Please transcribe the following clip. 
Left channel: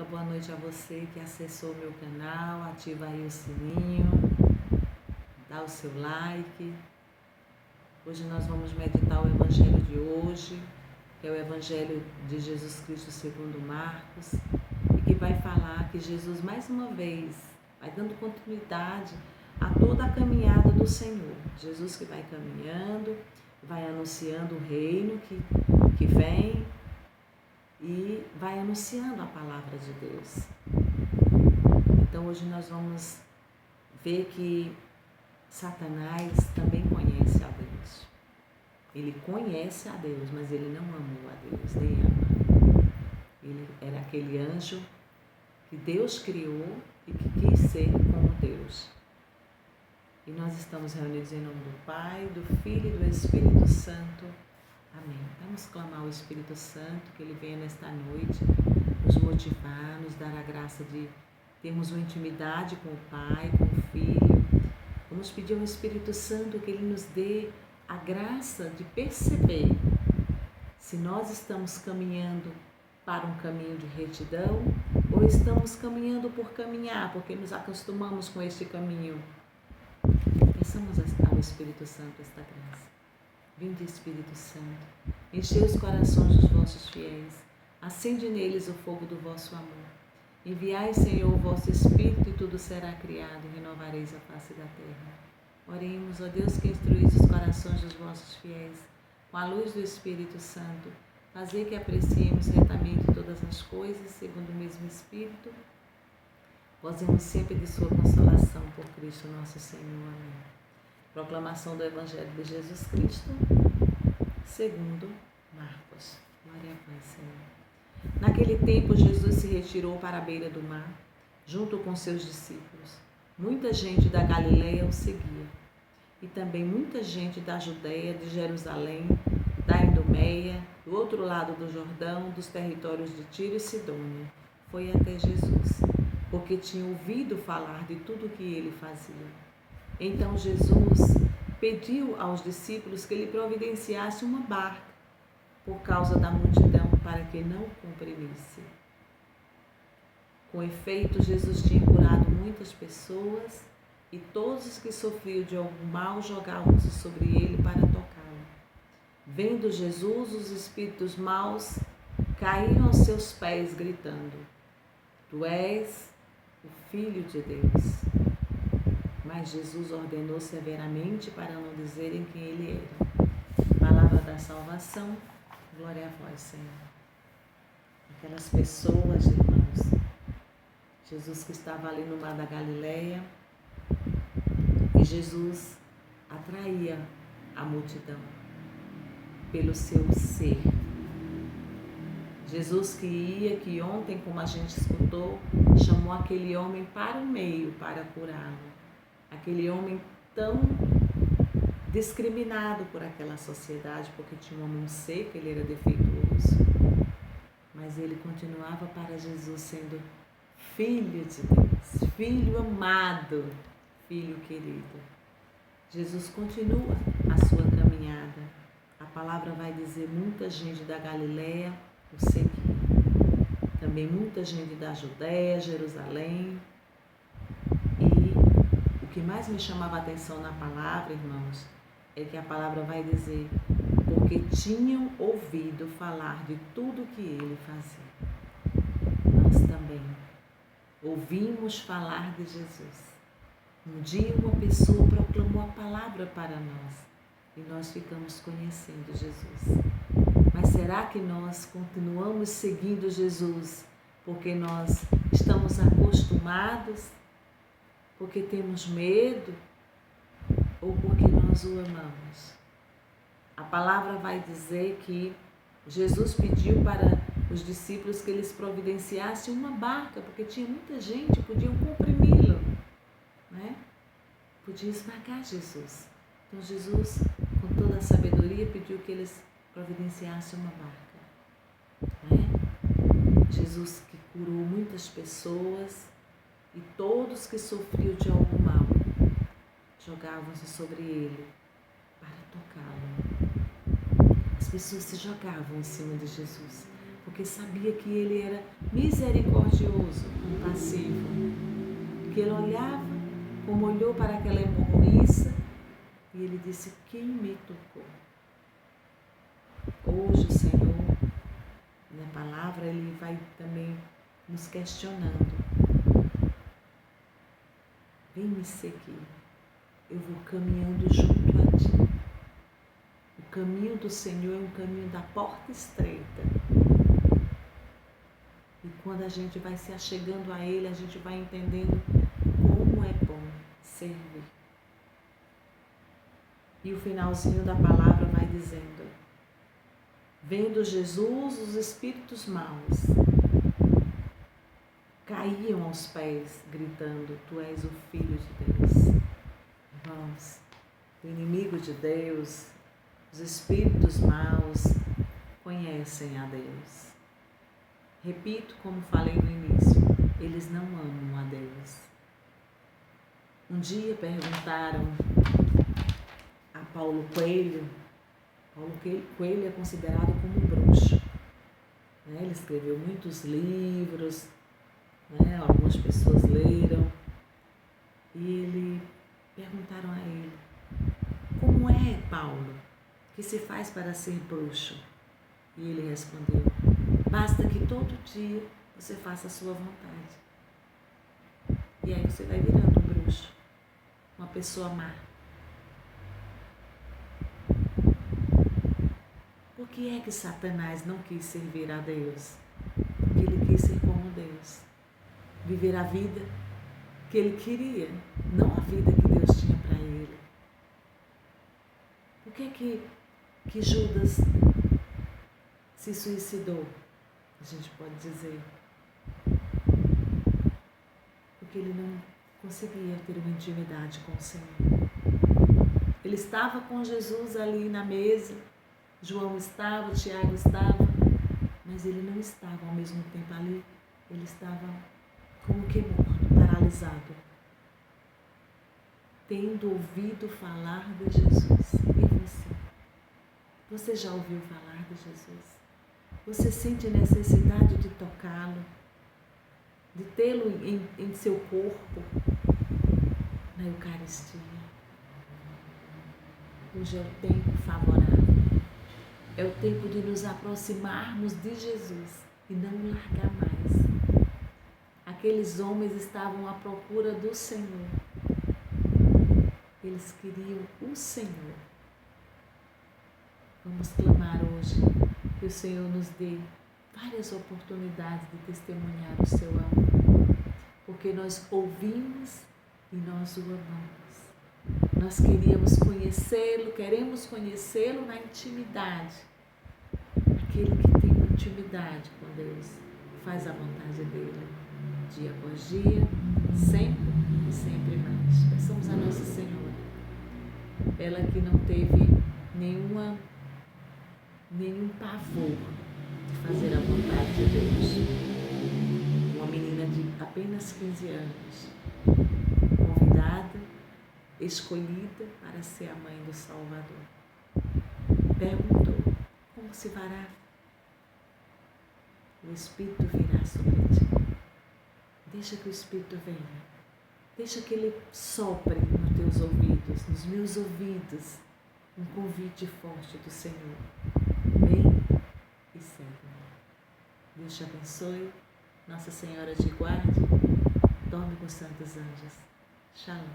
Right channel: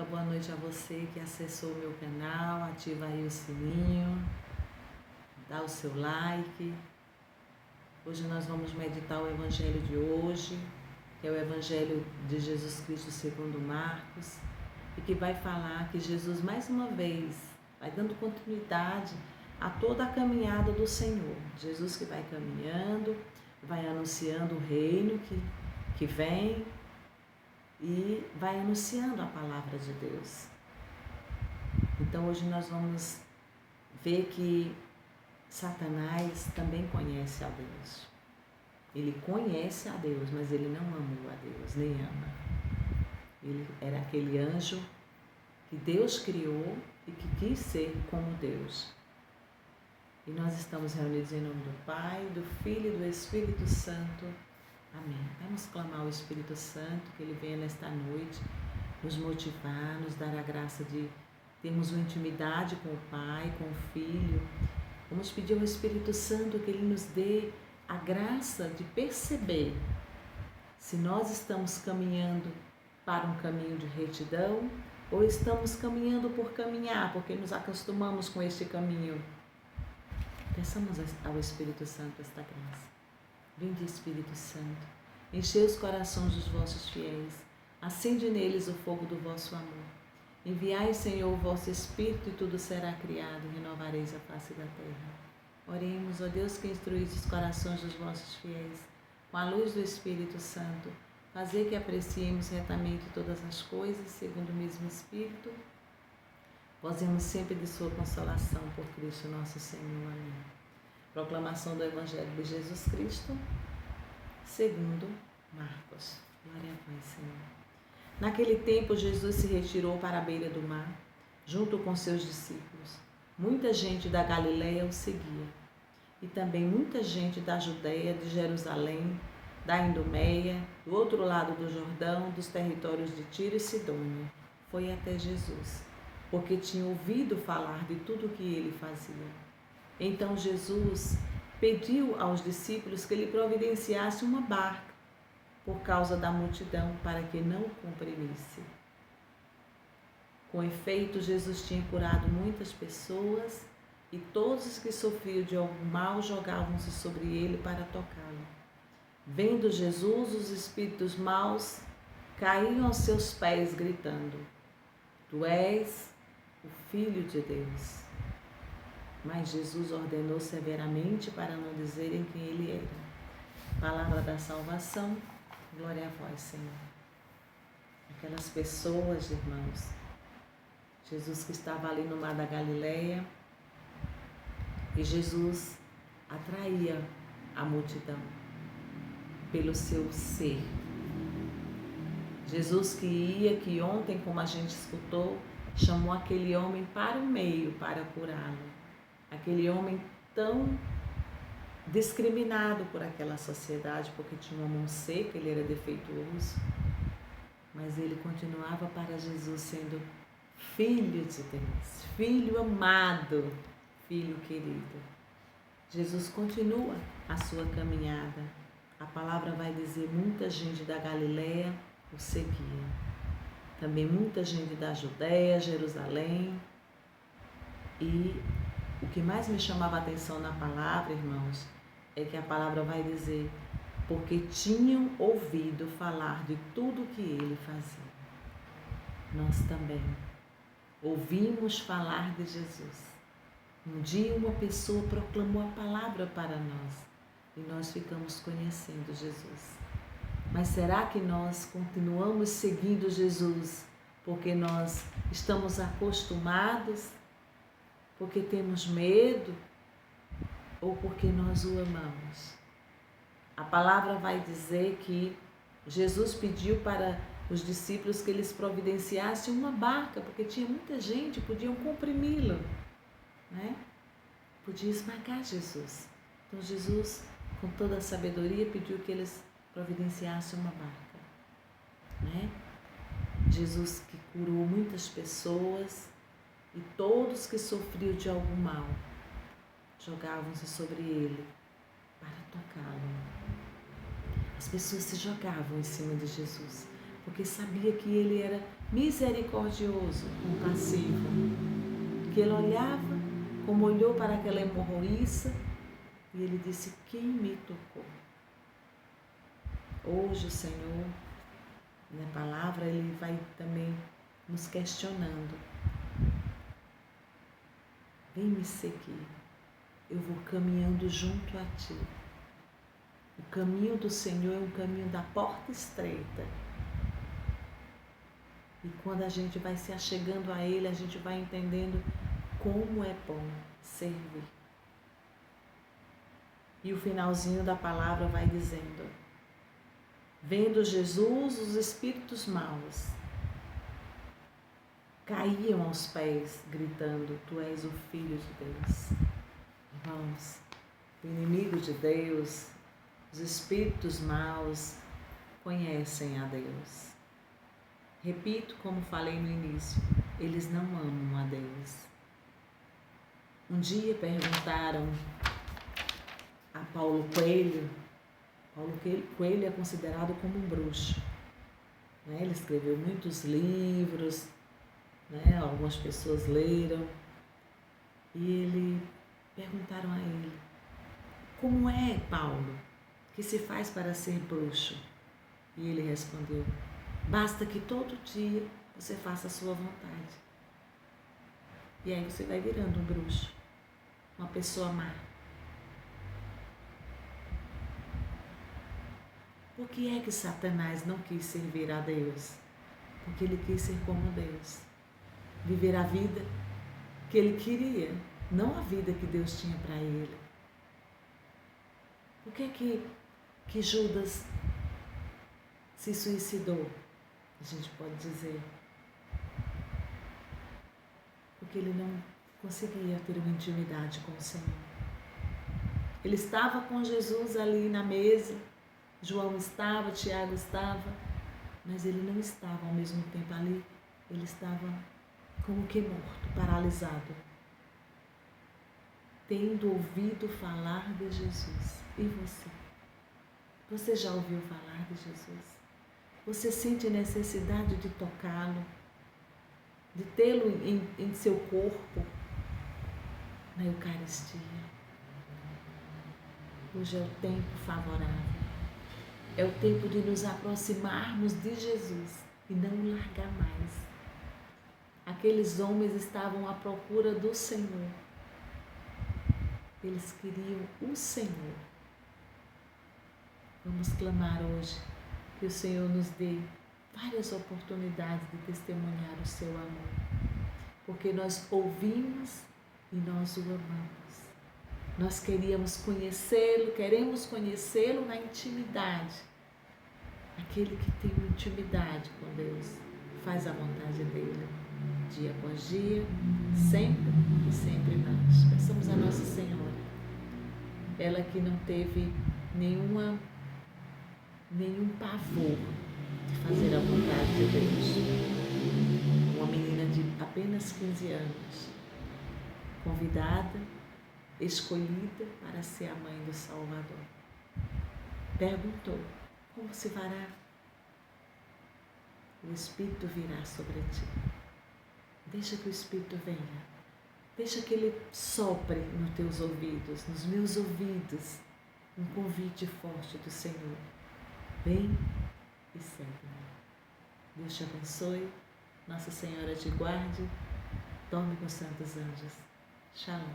internauta, boa noite a você que acessou o meu canal, ativa aí o sininho, dá o seu like. Hoje nós vamos meditar o Evangelho de hoje, que é o Evangelho de Jesus Cristo segundo Marcos, e que vai falar que Jesus mais uma vez vai dando continuidade a toda a caminhada do Senhor. Jesus que vai caminhando, vai anunciando o reino que vem, e vai anunciando a palavra de Deus. Então hoje nós vamos ver que Satanás também conhece a Deus. Ele conhece a Deus, mas ele não amou a Deus, nem ama. Ele era aquele anjo que Deus criou e que quis ser como Deus. E nós estamos reunidos em nome do Pai, do Filho e do Espírito Santo. Amém. Vamos clamar ao Espírito Santo, que Ele venha nesta noite nos motivar, nos dar a graça de termos uma intimidade com o Pai, com o Filho. Vamos pedir ao Espírito Santo que Ele nos dê a graça de perceber se nós estamos caminhando para um caminho de retidão ou estamos caminhando por caminhar, porque nos acostumamos com este caminho. Peçamos ao Espírito Santo esta graça. Vinde, Espírito Santo, enchei os corações dos vossos fiéis, acende neles o fogo do vosso amor. Enviai, Senhor, o vosso Espírito e tudo será criado e renovareis a face da terra. Oremos, ó Deus, que instruís os corações dos vossos fiéis, com a luz do Espírito Santo, fazei que apreciemos retamente todas as coisas, segundo o mesmo Espírito, gozemos sempre de sua consolação por Cristo nosso Senhor. Amém. Proclamação do Evangelho de Jesus Cristo, segundo Marcos. Glória a vós, Senhor. Naquele tempo, Jesus se retirou para a beira do mar, junto com seus discípulos. Muita gente da Galileia o seguia, e também muita gente da Judeia, de Jerusalém, da Idumeia, do outro lado do Jordão, dos territórios de Tiro e Sidônia, foi até Jesus, porque tinha ouvido falar de tudo o que ele fazia. Então Jesus pediu aos discípulos que lhe providenciasse uma barca por causa da multidão, para que não o comprimisse. Com efeito, Jesus tinha curado muitas pessoas e todos os que sofriam de algum mal jogavam-se sobre ele para tocá-lo. Vendo Jesus, os espíritos maus caíam aos seus pés, gritando: Tu és o Filho de Deus. Mas Jesus ordenou severamente para não dizerem quem ele era. Palavra da salvação, glória a vós, Senhor. Aquelas pessoas, irmãos, Jesus que estava ali no mar da Galileia, e Jesus atraía a multidão pelo seu ser. Jesus que ontem, como a gente escutou, chamou aquele homem para o meio para curá-lo. Aquele homem tão discriminado por aquela sociedade, porque tinha uma mão seca, ele era defeituoso. Mas ele continuava para Jesus sendo Filho de Deus, Filho amado, Filho querido. Jesus continua a sua caminhada. A palavra vai dizer, muita gente da Galileia o seguia. Também muita gente da Judeia, Jerusalém. E o que mais me chamava a atenção na palavra, irmãos, é que a palavra vai dizer, porque tinham ouvido falar de tudo que ele fazia. Nós também ouvimos falar de Jesus. Um dia uma pessoa proclamou a palavra para nós e nós ficamos conhecendo Jesus. Mas será que nós continuamos seguindo Jesus porque nós estamos acostumados? Porque temos medo ou porque nós o amamos? A palavra vai dizer que Jesus pediu para os discípulos que eles providenciassem uma barca, porque tinha muita gente, podiam comprimi-lo, né? Podia esmagar Jesus. Então Jesus, com toda a sabedoria, pediu que eles providenciassem uma barca, né? Jesus que curou muitas pessoas, e todos que sofriam de algum mal jogavam-se sobre ele para tocá-lo. As pessoas se jogavam em cima de Jesus, porque sabia que ele era misericordioso, compassivo, que ele olhava como olhou para aquela hemorroíça e ele disse: quem me tocou? Hoje o Senhor, na palavra, ele vai também nos questionando. Vem me seguir, eu vou caminhando junto a ti. O caminho do Senhor é um caminho da porta estreita. E quando a gente vai se achegando a Ele, a gente vai entendendo como é bom servir. E o finalzinho da palavra vai dizendo: vendo Jesus, os espíritos maus caíam aos pés, gritando: tu és o Filho de Deus. Irmãos, o inimigo de Deus, os espíritos maus, conhecem a Deus. Repito, como falei no início, eles não amam a Deus. Um dia perguntaram a Paulo Coelho. Paulo Coelho é considerado como um bruxo. Ele escreveu muitos livros, algumas pessoas leram. E perguntaram a ele: como é, Paulo, que se faz para ser bruxo? E ele respondeu: basta que todo dia você faça a sua vontade. E aí você vai virando um bruxo, uma pessoa má. Por que é que Satanás não quis servir a Deus? Porque ele quis ser como Deus. Viver a vida que ele queria, não a vida que Deus tinha para ele. Por que é que Judas se suicidou? A gente pode dizer. Porque ele não conseguia ter uma intimidade com o Senhor. Ele estava com Jesus ali na mesa, João estava, Tiago estava, mas ele não estava ao mesmo tempo ali. Ele estava como que morto, paralisado, tendo ouvido falar de Jesus. E você? Você já ouviu falar de Jesus? Você sente necessidade de tocá-lo, de tê-lo em seu corpo, na Eucaristia? Hoje é o tempo favorável. É o tempo de nos aproximarmos de Jesus e não o largar mais. Aqueles homens estavam à procura do Senhor. Eles queriam o Senhor. Vamos clamar hoje que o Senhor nos dê várias oportunidades de testemunhar o seu amor. Porque nós ouvimos e nós o amamos. Nós queremos conhecê-lo na intimidade. Aquele que tem uma intimidade com Deus, faz a vontade dele, dia após dia, sempre e sempre mais. Peçamos a Nossa Senhora, ela que não teve nenhum pavor de fazer a vontade de Deus. Uma menina de apenas 15 anos, convidada, escolhida para ser a mãe do Salvador. Perguntou: como se fará? O Espírito virá sobre ti. Deixa que o Espírito venha. Deixa que ele sopre nos teus ouvidos, nos meus ouvidos, um convite forte do Senhor. Vem e segue-me. Deus te abençoe. Nossa Senhora te guarde. Dorme com os santos anjos. Shalom.